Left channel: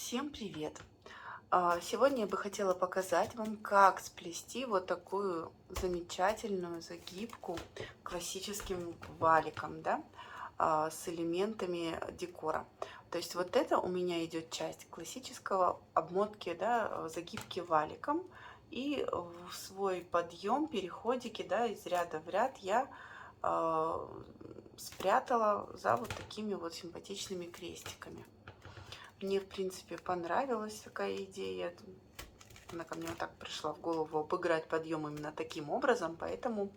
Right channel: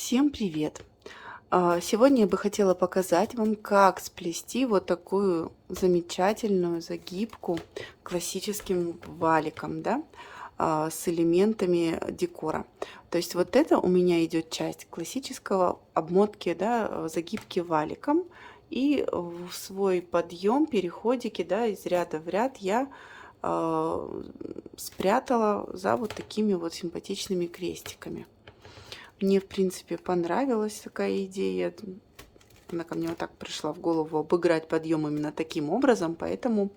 Всем привет! Сегодня я бы хотела показать вам, как сплести вот такую замечательную загибку классическим валиком, да, с элементами декора. То есть вот это у меня идет часть классического обмотки, да, загибки валиком. И в свой подъем, переходики, да, из ряда в ряд я спрятала за вот такими вот симпатичными крестиками. Мне, в принципе, понравилась такая идея. Она ко мне вот так пришла в голову обыграть подъем именно таким образом, поэтому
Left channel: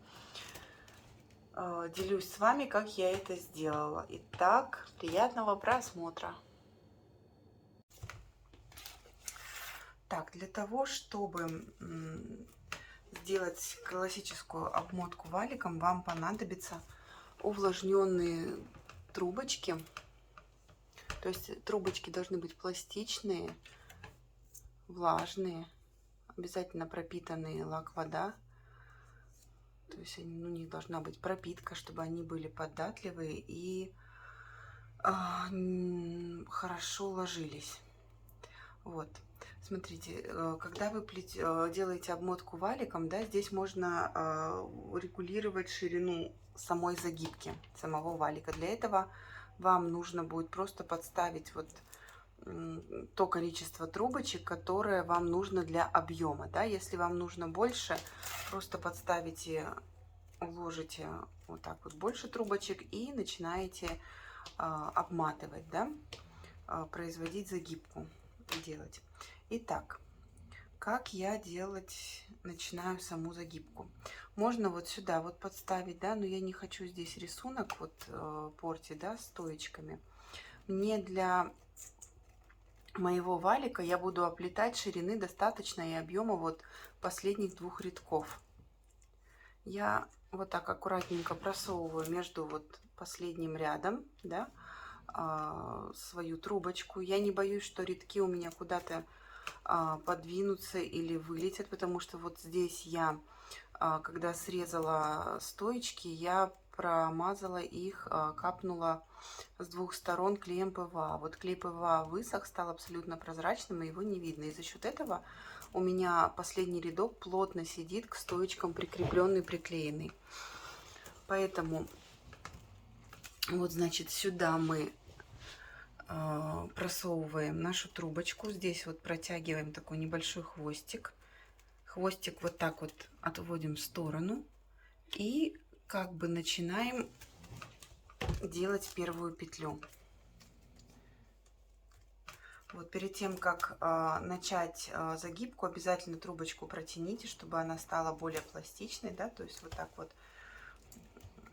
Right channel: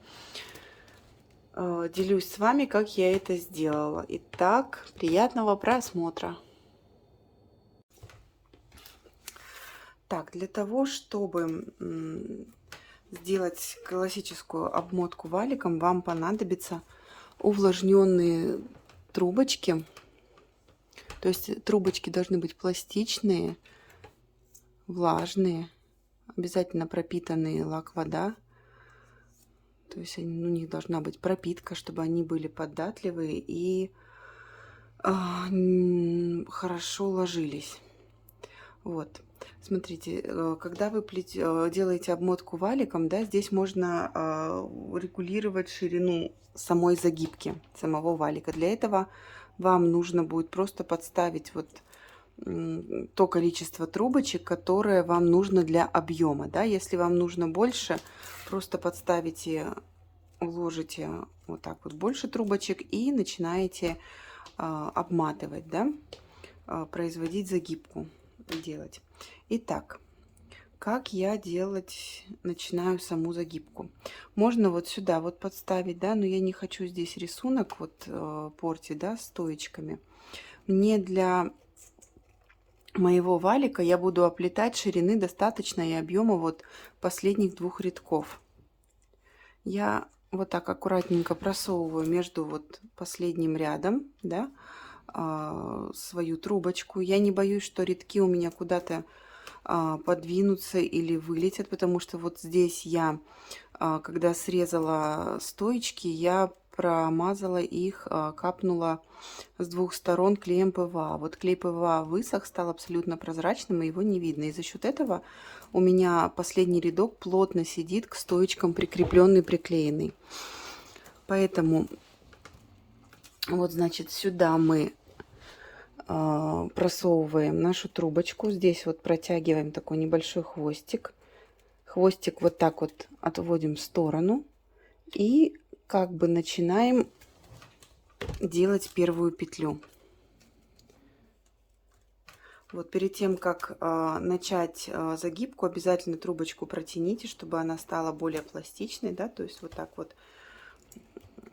делюсь с вами, как я это сделала. Итак, приятного просмотра. Так, для того, чтобы сделать классическую обмотку валиком, вам понадобятся увлажненные трубочки. То есть трубочки должны быть пластичные, влажные, обязательно пропитанные лак-вода. То есть у них должна быть пропитка, чтобы они были податливые и хорошо ложились. Вот. Смотрите, когда вы делаете обмотку валиком, да, здесь можно регулировать ширину самой загибки, самого валика. Для этого вам нужно будет просто подставить вот то количество трубочек, которое вам нужно для объема. Да? Если вам нужно больше, просто подставите, вложите вот так вот больше трубочек и начинаете обматывать, да? Производить загибку, делать. Итак, как я начинаю саму загибку? Можно вот сюда вот подставить, да, но я не хочу здесь рисунок вот портить, да, стоечками. Мне для моего валика я буду оплетать ширины достаточно и объема вот последних двух рядков. Я вот так аккуратненько просовываю между вот последним рядом, да, свою трубочку. Я не боюсь, что рядки у меня куда-то подвинутся или вылетят, потому что вот здесь я, когда срезала стоечки, я промазала их, капнула с двух сторон клеем ПВА. Вот клей ПВА высох, стал абсолютно прозрачным, и его не видно. И за счет этого у меня последний рядок плотно сидит к стоечкам, прикрепленный, приклеенный. Поэтому вот, значит, сюда мы просовываем нашу трубочку. Здесь вот протягиваем такой небольшой хвостик. Хвостик вот так вот отводим в сторону. И как бы начинаем делать первую петлю. Вот перед тем, как начать загибку, обязательно трубочку протяните, чтобы она стала более пластичной, да, то есть вот так вот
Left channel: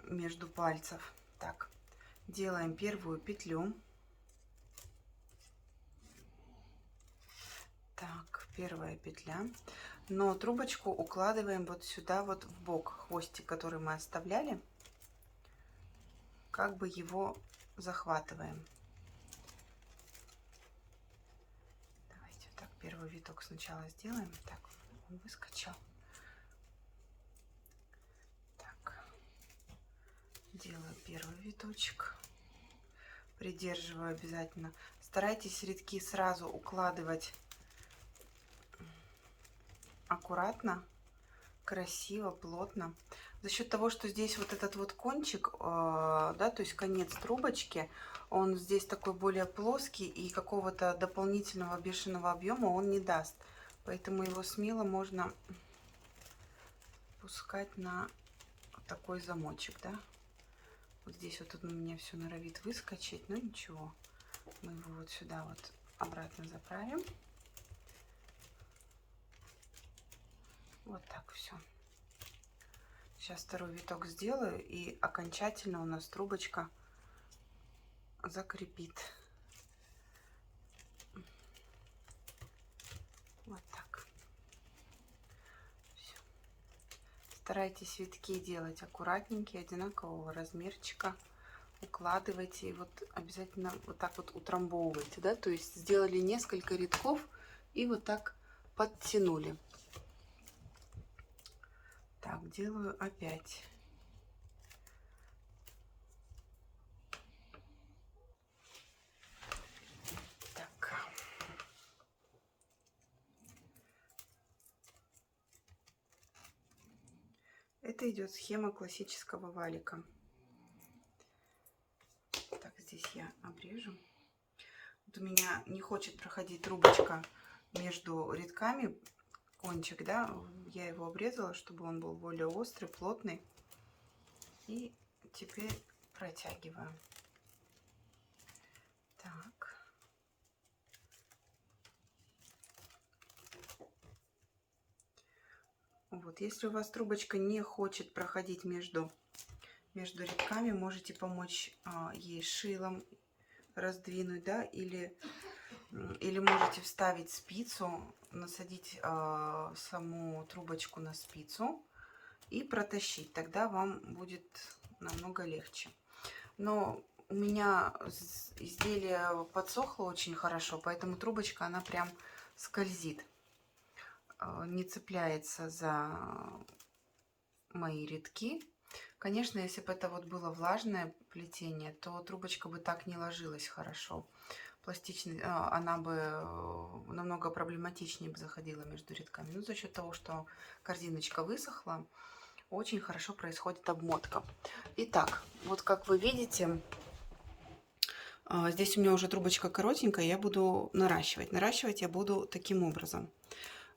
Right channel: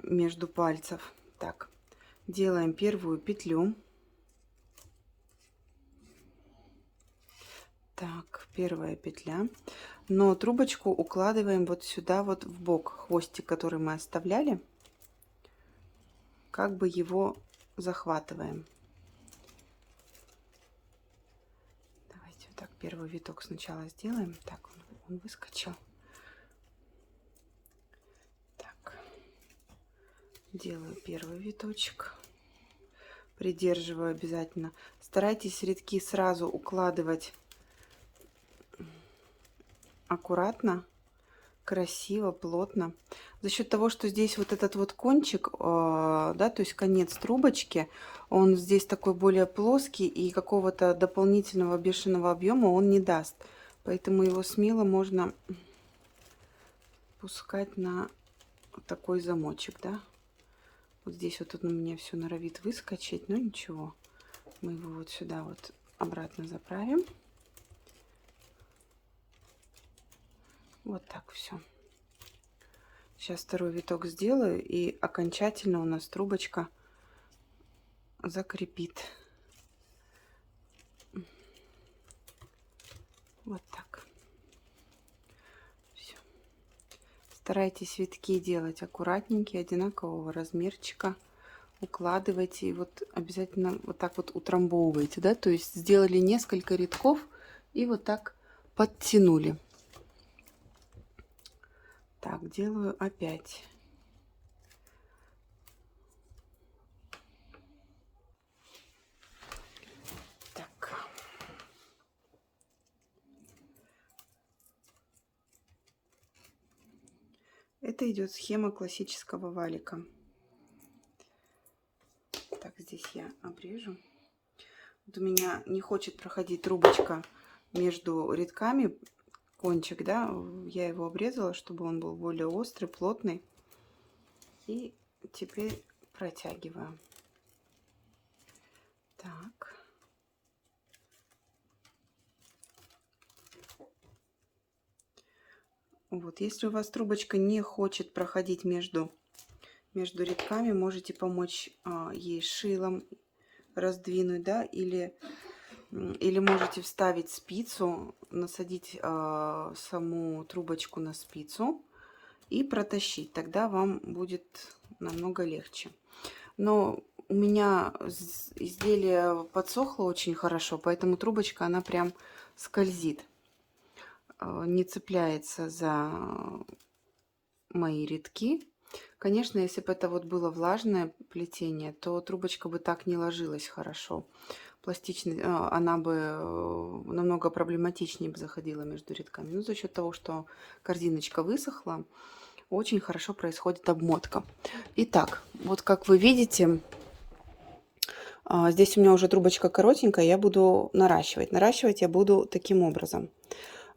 между пальцев. Так, делаем первую петлю. Так, первая петля. Но трубочку укладываем вот сюда вот в бок, хвостик, который мы оставляли, как бы его захватываем. Давайте вот так первый виток сначала сделаем. Так, он выскочил. Так, делаю первый виточек, придерживаю обязательно. Старайтесь рядки сразу укладывать аккуратно, красиво, плотно. За счет того, что здесь вот этот вот кончик, да, то есть конец трубочки, он здесь такой более плоский, и какого-то дополнительного бешеного объема он не даст. Поэтому его смело можно пускать на такой замочек, да. Вот здесь вот он у меня все норовит выскочить, но ничего. Мы его вот сюда вот обратно заправим. Вот так все. Сейчас второй виток сделаю, и окончательно у нас трубочка закрепит. Вот так. Всё. Старайтесь витки делать аккуратненькие, одинакового размерчика. Укладывайте и вот обязательно вот так вот утрамбовывайте, да, то есть сделали несколько рядков и вот так подтянули. Так, делаю опять. Так. Это идет схема классического валика. Так, здесь я обрежу. Вот у меня не хочет проходить трубочка между рядками, кончик, да, я его обрезала, чтобы он был более острый, плотный. И теперь протягиваю. Так. Вот, если у вас трубочка не хочет проходить между рядками, можете помочь ей шилом раздвинуть, да, или можете вставить спицу, насадить саму трубочку на спицу и протащить. Тогда вам будет намного легче. Но у меня изделие подсохло очень хорошо, поэтому трубочка, она прям скользит, не цепляется за мои рядки. Конечно, если бы это вот было влажное плетение, то трубочка бы так не ложилась хорошо. Пластичный, она бы намного проблематичнее бы заходила между рядками. Но за счет того, что корзиночка высохла, очень хорошо происходит обмотка. Итак, вот как вы видите, здесь у меня уже трубочка коротенькая, я буду наращивать. Наращивать я буду таким образом.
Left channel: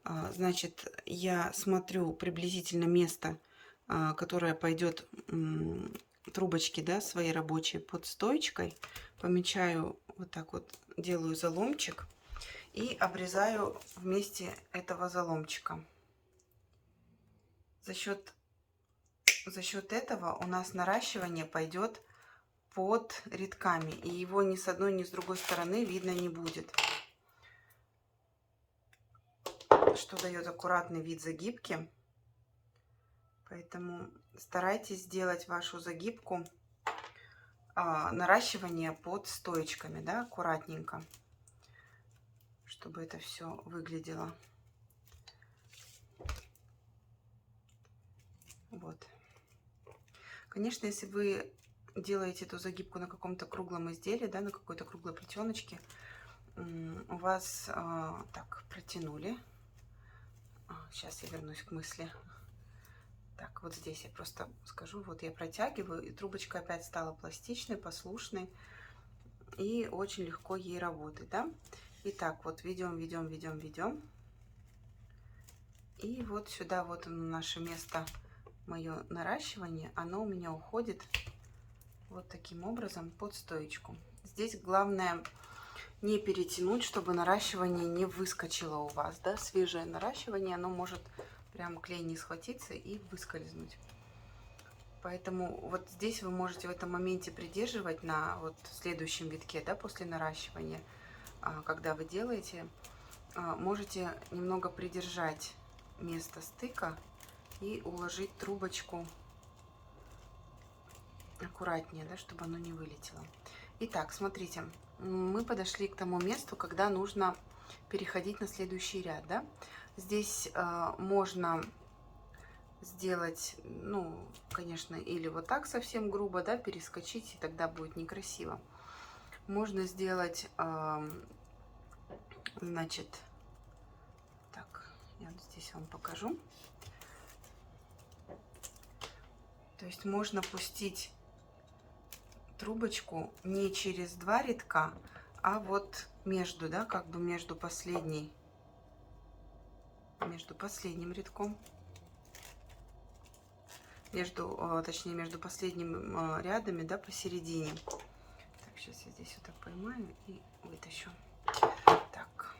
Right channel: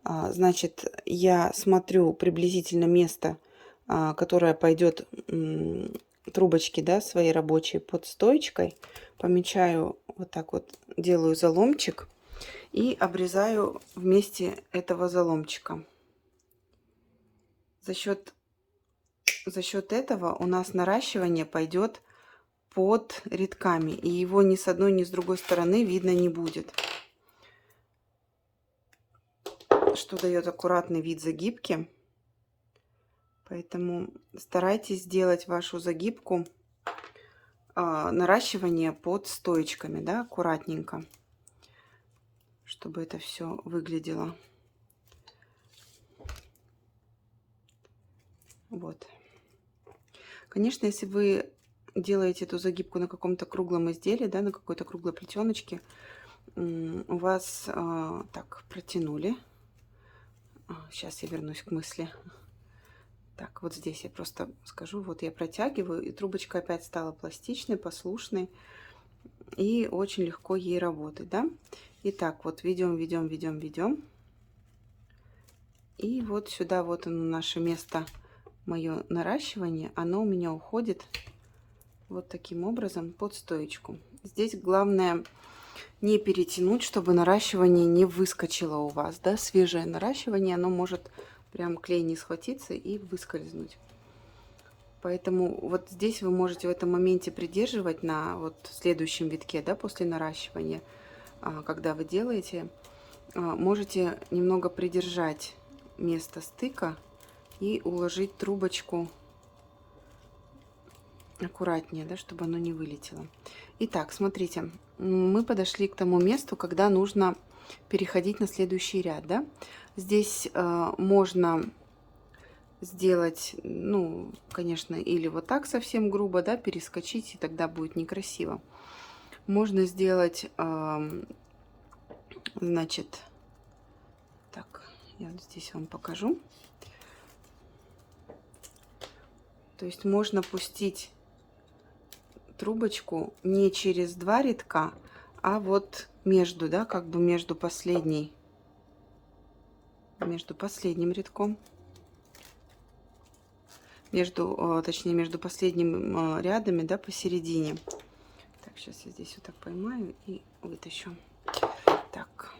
Значит, я смотрю приблизительно место, которое пойдет трубочки, да, своей рабочей под стоечкой. Помечаю вот так вот, делаю заломчик и обрезаю вместе этого заломчика. За счет этого у нас наращивание пойдет под рядками, и его ни с одной, ни с другой стороны видно не будет, что дает аккуратный вид загибки. Поэтому старайтесь сделать вашу загибку, наращивание под стоечками, да, аккуратненько, чтобы это все выглядело. Вот. Конечно, если вы делаете эту загибку на каком-то круглом изделии, да, на какой-то круглой плетеночке, у вас так протянули. Сейчас я вернусь к мысли. Так, вот здесь я просто скажу, вот я протягиваю, и трубочка опять стала пластичной, послушной, и очень легко ей работать, да. Итак, вот ведем, ведем, ведем, ведем. И вот сюда вот оно, наше место, мое наращивание, оно у меня уходит вот таким образом под стоечку. Здесь главное не перетянуть, чтобы наращивание не выскочило у вас, да. Свежее наращивание, оно может прям клей не схватиться и выскользнуть. Поэтому вот здесь вы можете в этом моменте придерживать на вот следующем витке, да, после наращивания, когда вы делаете, можете немного придержать место стыка и уложить трубочку аккуратнее, да, чтобы оно не вылетело. Итак, смотрите, мы подошли к тому месту, когда нужно переходить на следующий ряд, да. Здесь можно сделать, ну, конечно, или вот так совсем грубо, да, перескочить, и тогда будет некрасиво. Можно сделать, значит, так, я вот здесь вам покажу. То есть можно пустить трубочку не через два рядка, а вот между, да, как бы между последним рядком, точнее, между последним рядами, да, посередине. Так, сейчас я здесь вот так поймаю и вытащу. Так.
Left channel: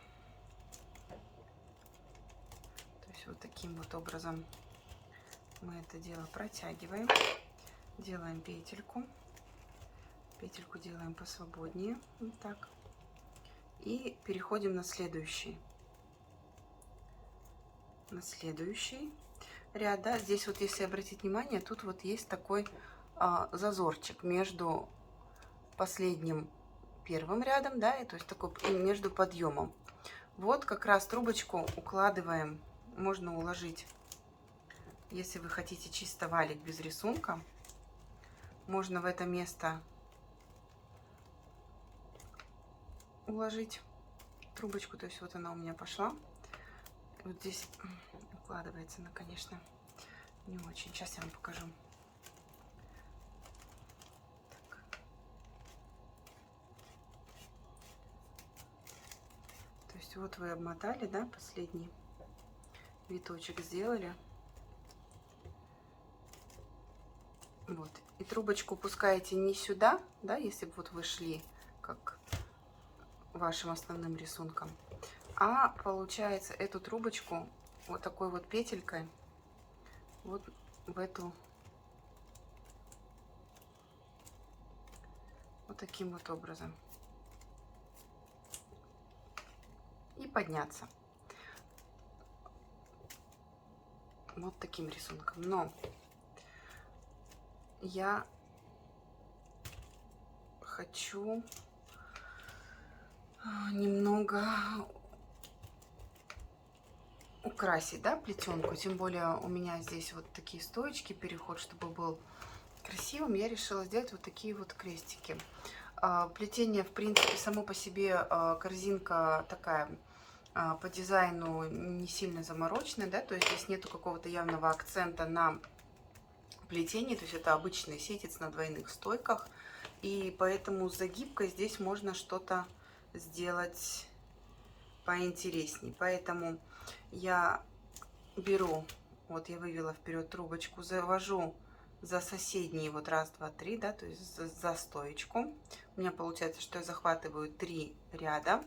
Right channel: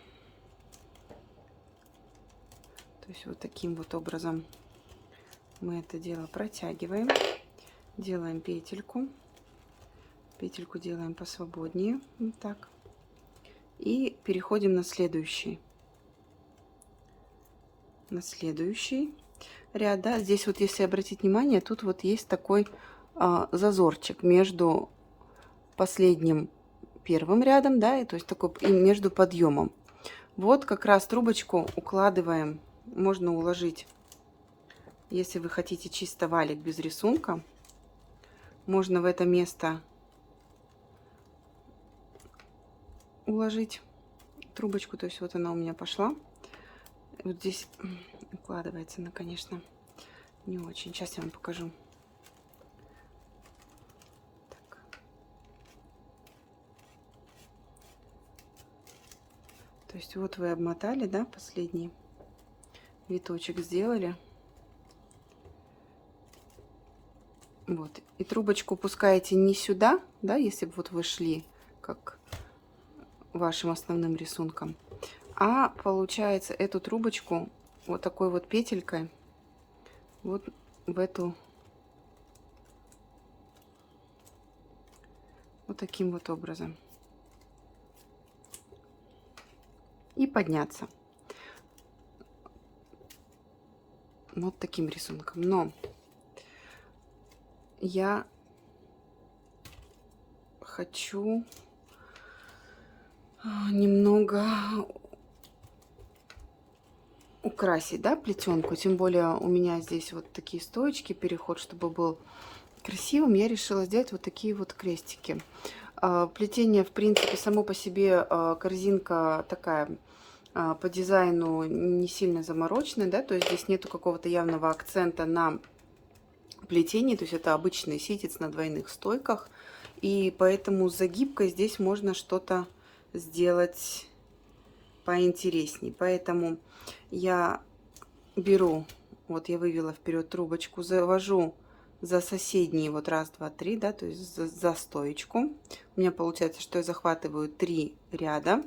То есть вот таким вот образом мы это дело протягиваем, делаем петельку. Петельку делаем посвободнее, вот так. И переходим на следующий. Ряд, да. Здесь вот, если обратить внимание, тут вот есть такой зазорчик между последним первым рядом, да, и то есть такой и между подъемом. Вот как раз трубочку укладываем, можно уложить, если вы хотите чисто валик без рисунка, можно в это место уложить трубочку, то есть вот она у меня пошла. Вот здесь укладывается она, конечно, Не очень. Сейчас я вам покажу. Так. То есть вот вы обмотали, да, последний виточек сделали. Вот. И трубочку пускаете не сюда, да, если бы вот вы шли как вашим основным рисунком, а получается эту трубочку вот такой вот петелькой вот в эту, вот таким вот образом. И подняться. Вот таким рисунком. Но я хочу немного украсить, да, плетенку. Тем более у меня здесь вот такие стоечки, переход, чтобы был красивым. Я решила сделать вот такие вот крестики. Плетение, в принципе, само по себе корзинка такая по дизайну не сильно замороченная, да, то есть здесь нету какого-то явного акцента на плетении, то есть это обычный ситец на двойных стойках, и поэтому с загибкой здесь можно что-то сделать поинтересней. Поэтому я беру, вот я вывела вперед трубочку, завожу за соседние вот раз, два, три, да, то есть за стоечку. У меня получается, что я захватываю 3 ряда.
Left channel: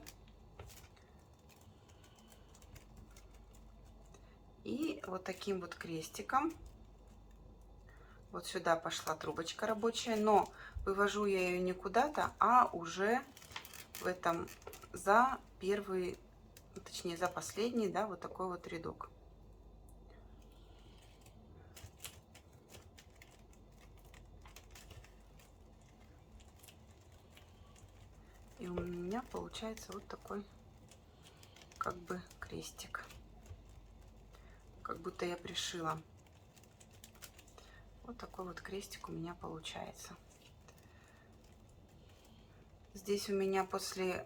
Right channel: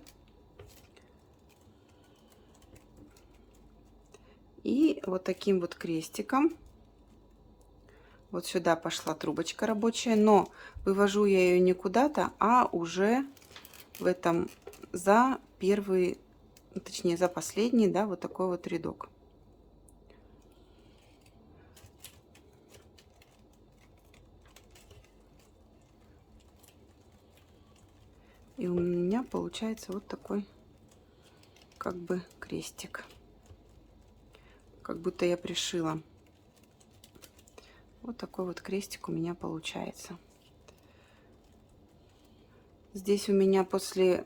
И вот таким вот крестиком вот сюда пошла трубочка рабочая, но вывожу я ее не куда-то, а уже в этом за первый, точнее за последний, да, вот такой вот рядок. И у меня получается вот такой как бы крестик, как будто я пришила. Вот такой вот крестик у меня получается. Здесь у меня после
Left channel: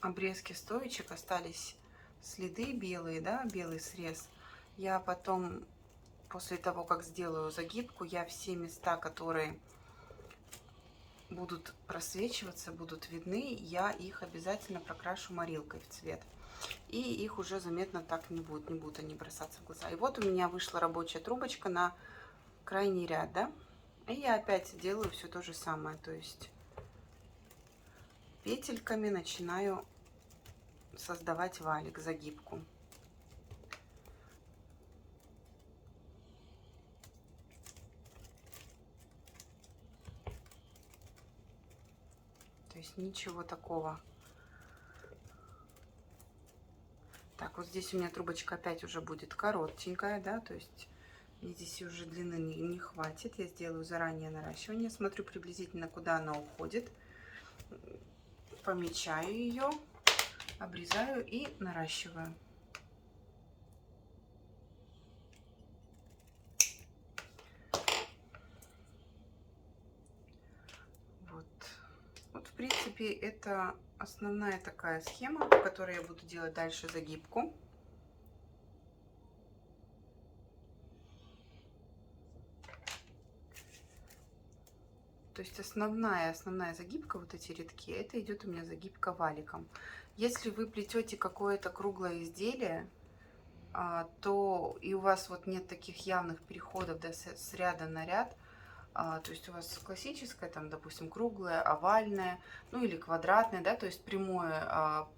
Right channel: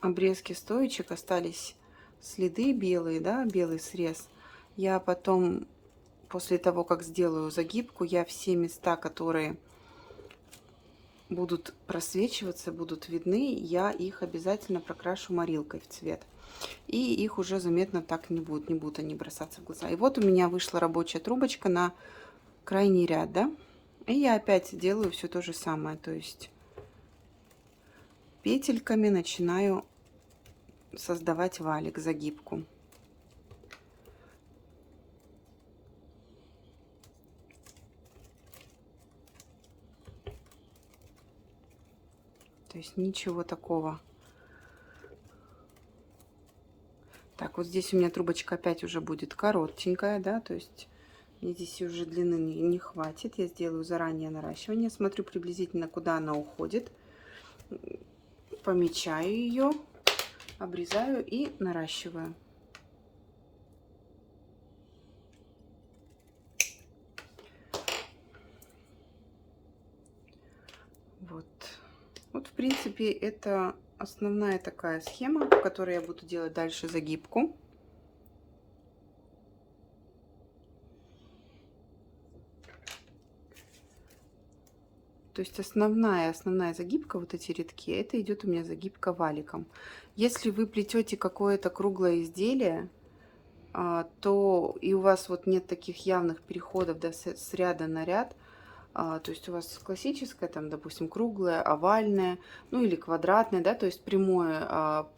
обрезки стоечек остались следы белые, да, белый срез. Я потом, после того, как сделаю загибку, я все места, которые будут просвечиваться, будут видны, я их обязательно прокрашу морилкой в цвет. И их уже заметно так не будут они бросаться в глаза. И вот у меня вышла рабочая трубочка на крайний ряд, да. И я опять делаю все то же самое, то есть петельками начинаю создавать валик, загибку. То есть ничего такого. Так, вот здесь у меня трубочка опять уже будет коротенькая, да, то есть мне здесь уже длины не хватит. Я сделаю заранее наращивание, смотрю приблизительно, куда она уходит, помечаю ее, обрезаю и наращиваю. Вот, в принципе, это основная такая схема, по которой я буду делать дальше загибку. То есть основная загибка, вот эти рядки, это идет у меня загибка валиком. Если вы плетете какое-то круглое изделие, то и у вас вот нет таких явных переходов, да, с ряда на ряд, то есть у вас классическое, там, допустим, круглое, овальное, ну или квадратное, да, то есть прямая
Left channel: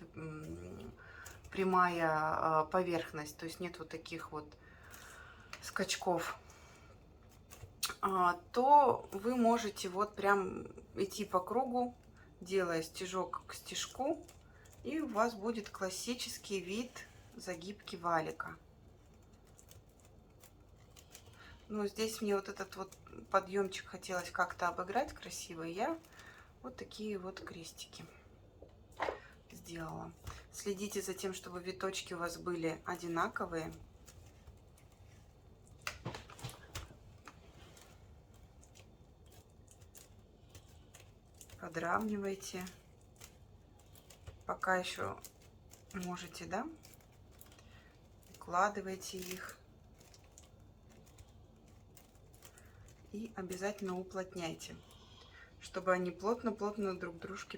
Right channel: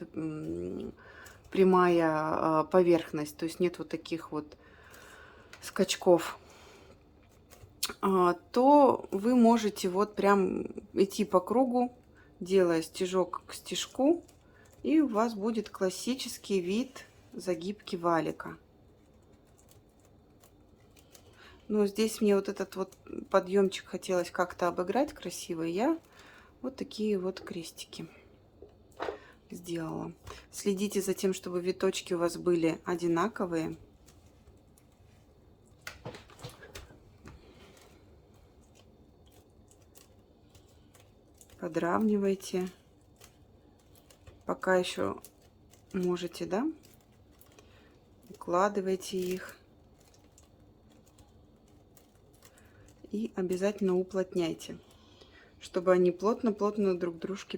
поверхность, то есть нет вот таких вот скачков, то вы можете вот прям идти по кругу, делая стежок к стежку, и у вас будет классический вид загибки валика. Но здесь мне вот этот вот подъемчик хотелось как-то обыграть красиво, и я вот такие вот крестики сделала. Следите за тем, чтобы виточки у вас были одинаковые. Подравнивайте, пока еще можете, да, укладывайте их. И обязательно уплотняйте, чтобы они плотно-плотно друг к дружке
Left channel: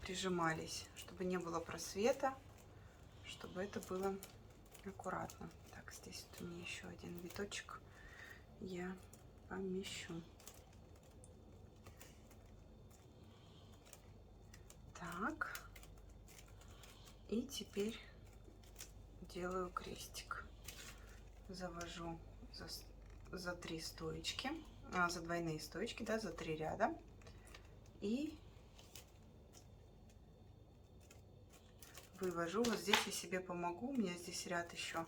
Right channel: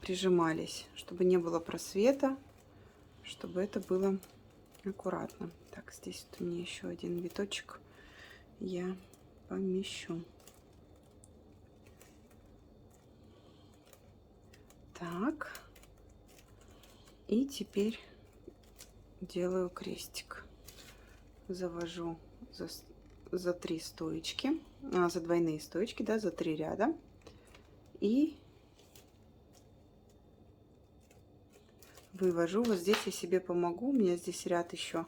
прижимались, чтобы не было просвета, чтобы это было аккуратно. Так, здесь вот у меня еще один виточек я помещу. Так, и теперь делаю крестик. Завожу за 3 стоечки, за двойные стоечки, да, за 3 ряда. И вывожу. Вот здесь я себе помогу. У меня здесь ряд еще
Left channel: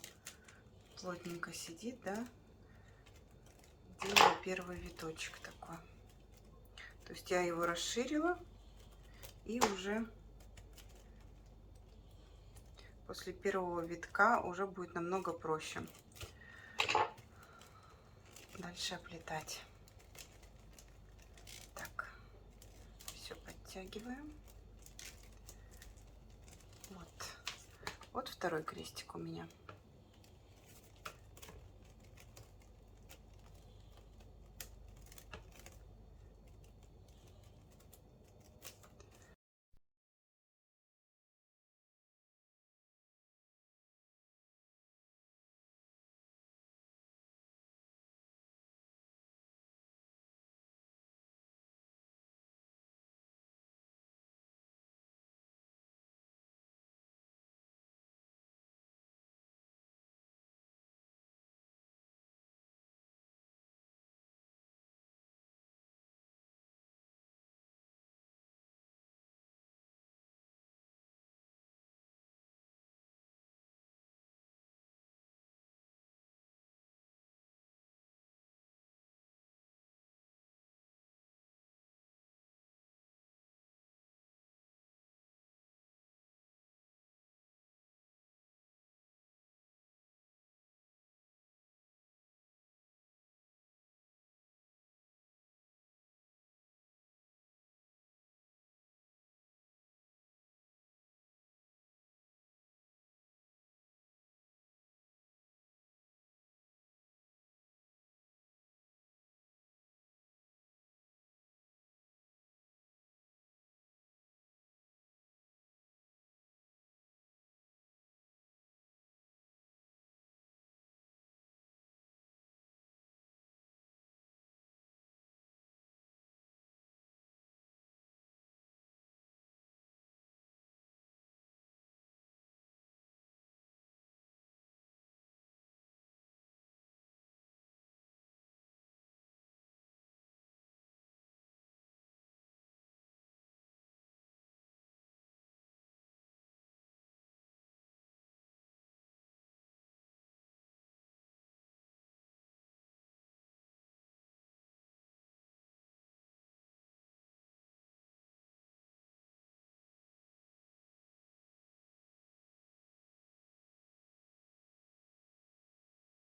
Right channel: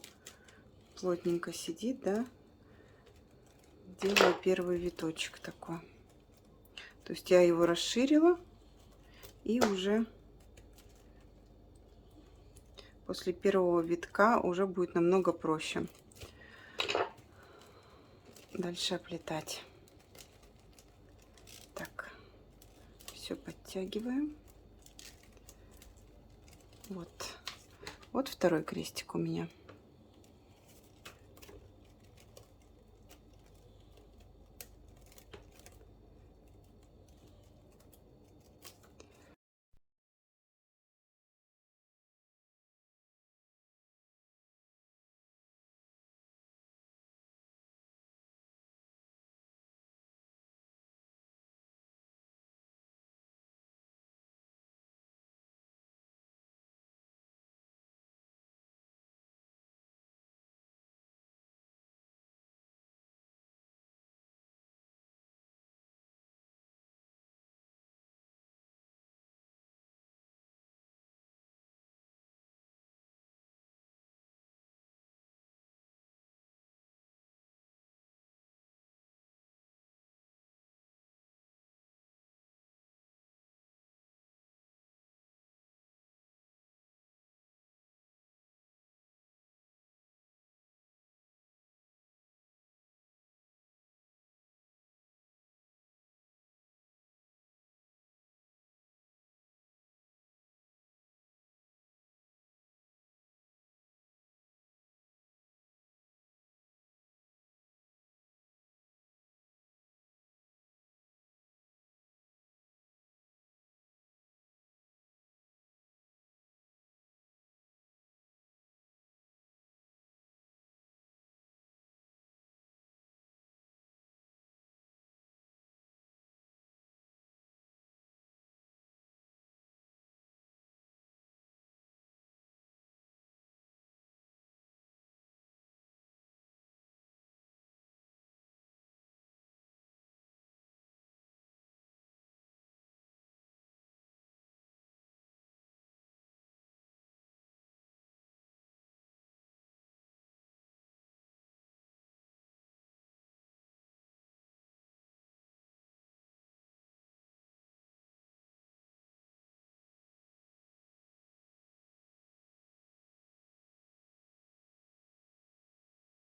плотненько сидит, да. Делаю первый виточек такой. То есть я его расширила, и уже после первого витка уже будет намного проще дальше оплетать. Так, все подтягиваем. Вот второй крестик у меня.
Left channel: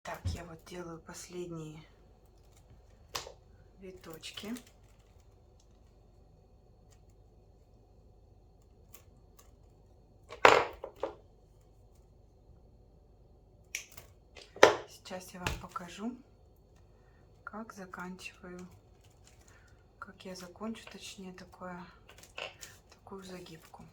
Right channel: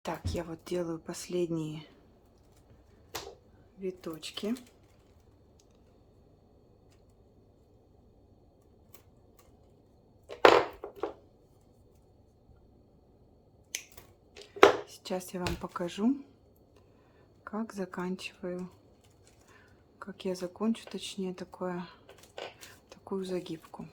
Так, я вот делаю последние виточки. Сейчас я вам покажу, как заканчиваю, как я закончу, точнее, такую загибку.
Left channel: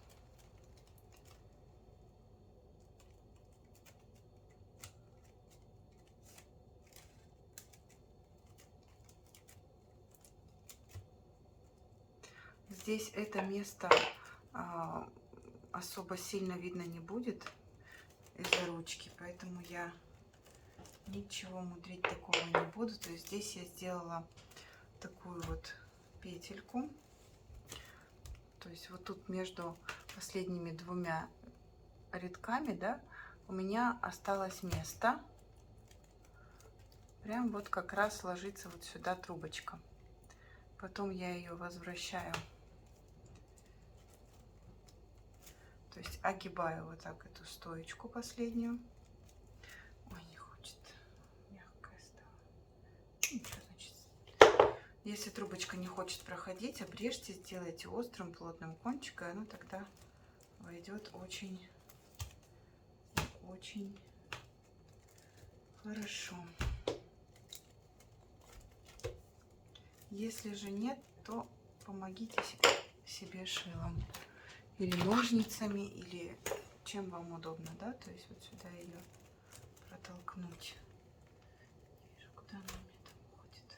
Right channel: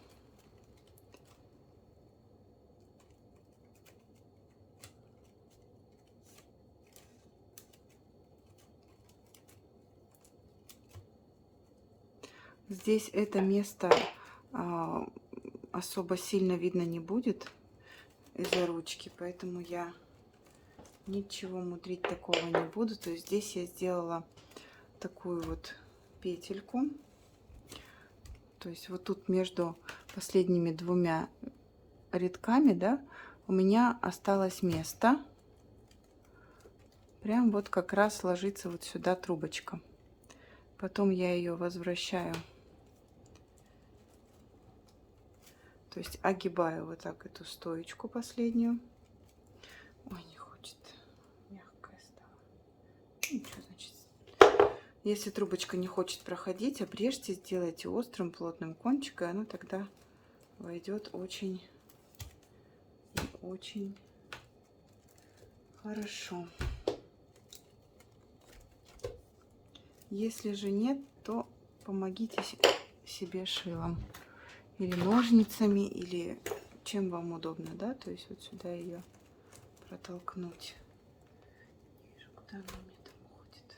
Здесь это место особо сильно видно не будет из-за ручки, поэтому я ничего мудрить такого не буду. То есть здесь я сделала такую вот петельку. То есть вот тут между последними двумя рядками, да, у меня осталось место. Прям вот как раз ложится вот сюда трубочка. Потом я ее возвращаю. То есть огибаю вот так эту стоечку последнюю. Ой, не хочет. Мягкая стала. Ничего, значит. Если трубочка не хочет проходить, обрежьте, сделайте острым, плотным кончиком, и оно тогда войдет очень хорошо. Если же нет, то помогите себе шилом. Или ножницами, или чем вам удобно, да? То есть вот сюда ее протолкнуть. Не вижу, куда она у меня там уходит.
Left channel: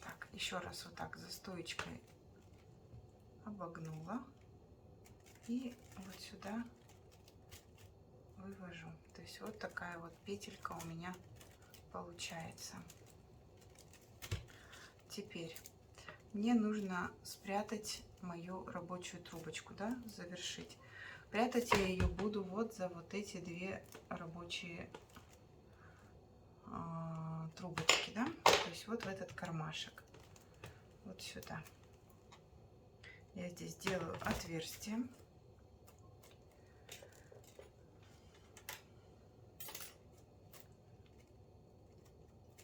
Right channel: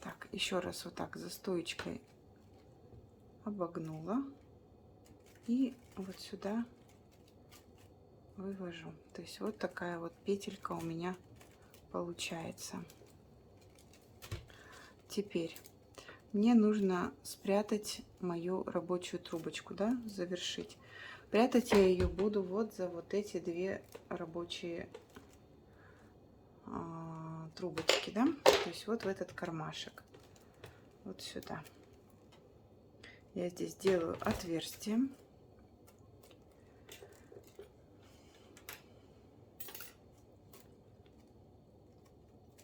Так, еще раз вот так за стоечкой обогнула. И вот сюда вывожу. То есть вот такая вот петелька у меня получается. Теперь мне нужно спрятать мою рабочую трубочку, да, завершить. Прятать я ее буду вот за вот эти две рабочие трубочки, да, то есть вот в этот кармашек, вот сюда. Я здесь делаю отверстие.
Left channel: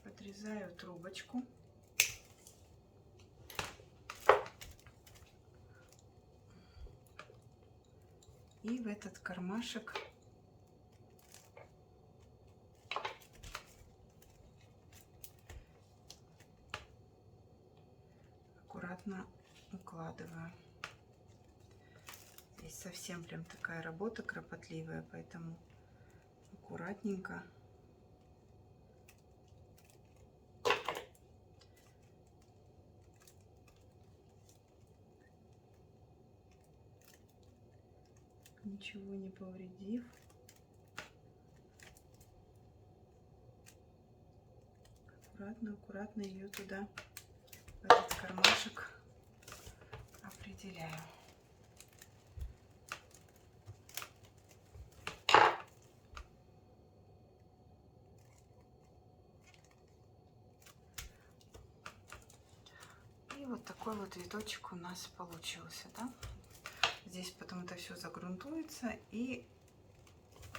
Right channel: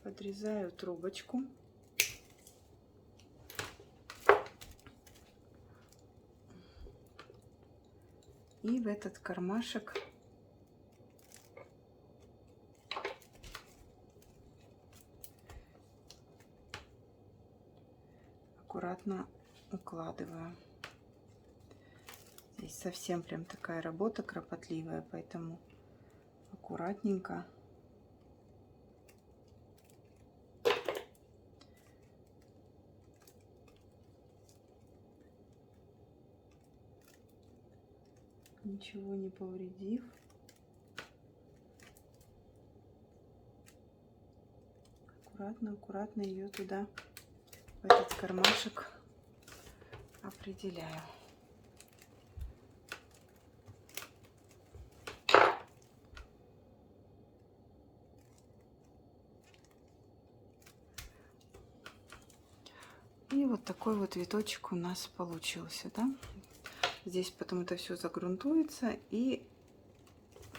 Подрезаю трубочку. И в этот кармашек аккуратно укладываю. Здесь совсем прям такая работа кропотливая, поэтому аккуратненько. Ничего не повредив. Аккуратно ее туда, в этот кармашек, определяю. И вот такой вот виточек у нас получился, да? Здесь потом это все загрунтуется и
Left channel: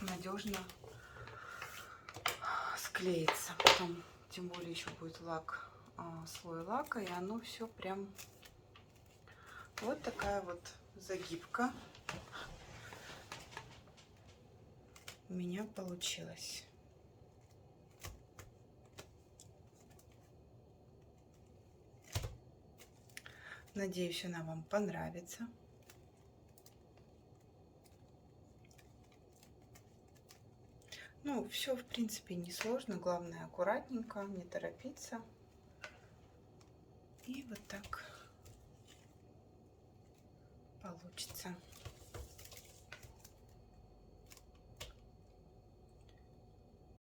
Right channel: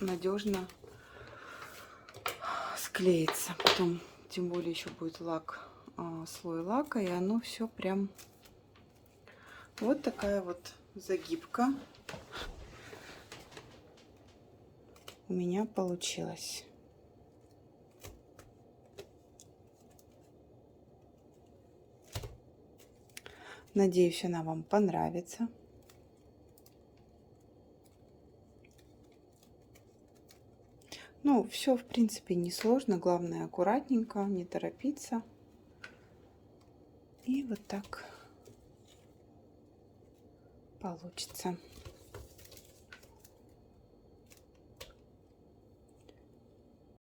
надежно склеится. Потом, тем более, еще будет лак, слой лака, и оно все прям вот такая вот загибка у меня получилась. Надеюсь, она вам понравится. Ну, все, в принципе, несложно. Главное, аккуратненько, не торопиться. И вот так получится.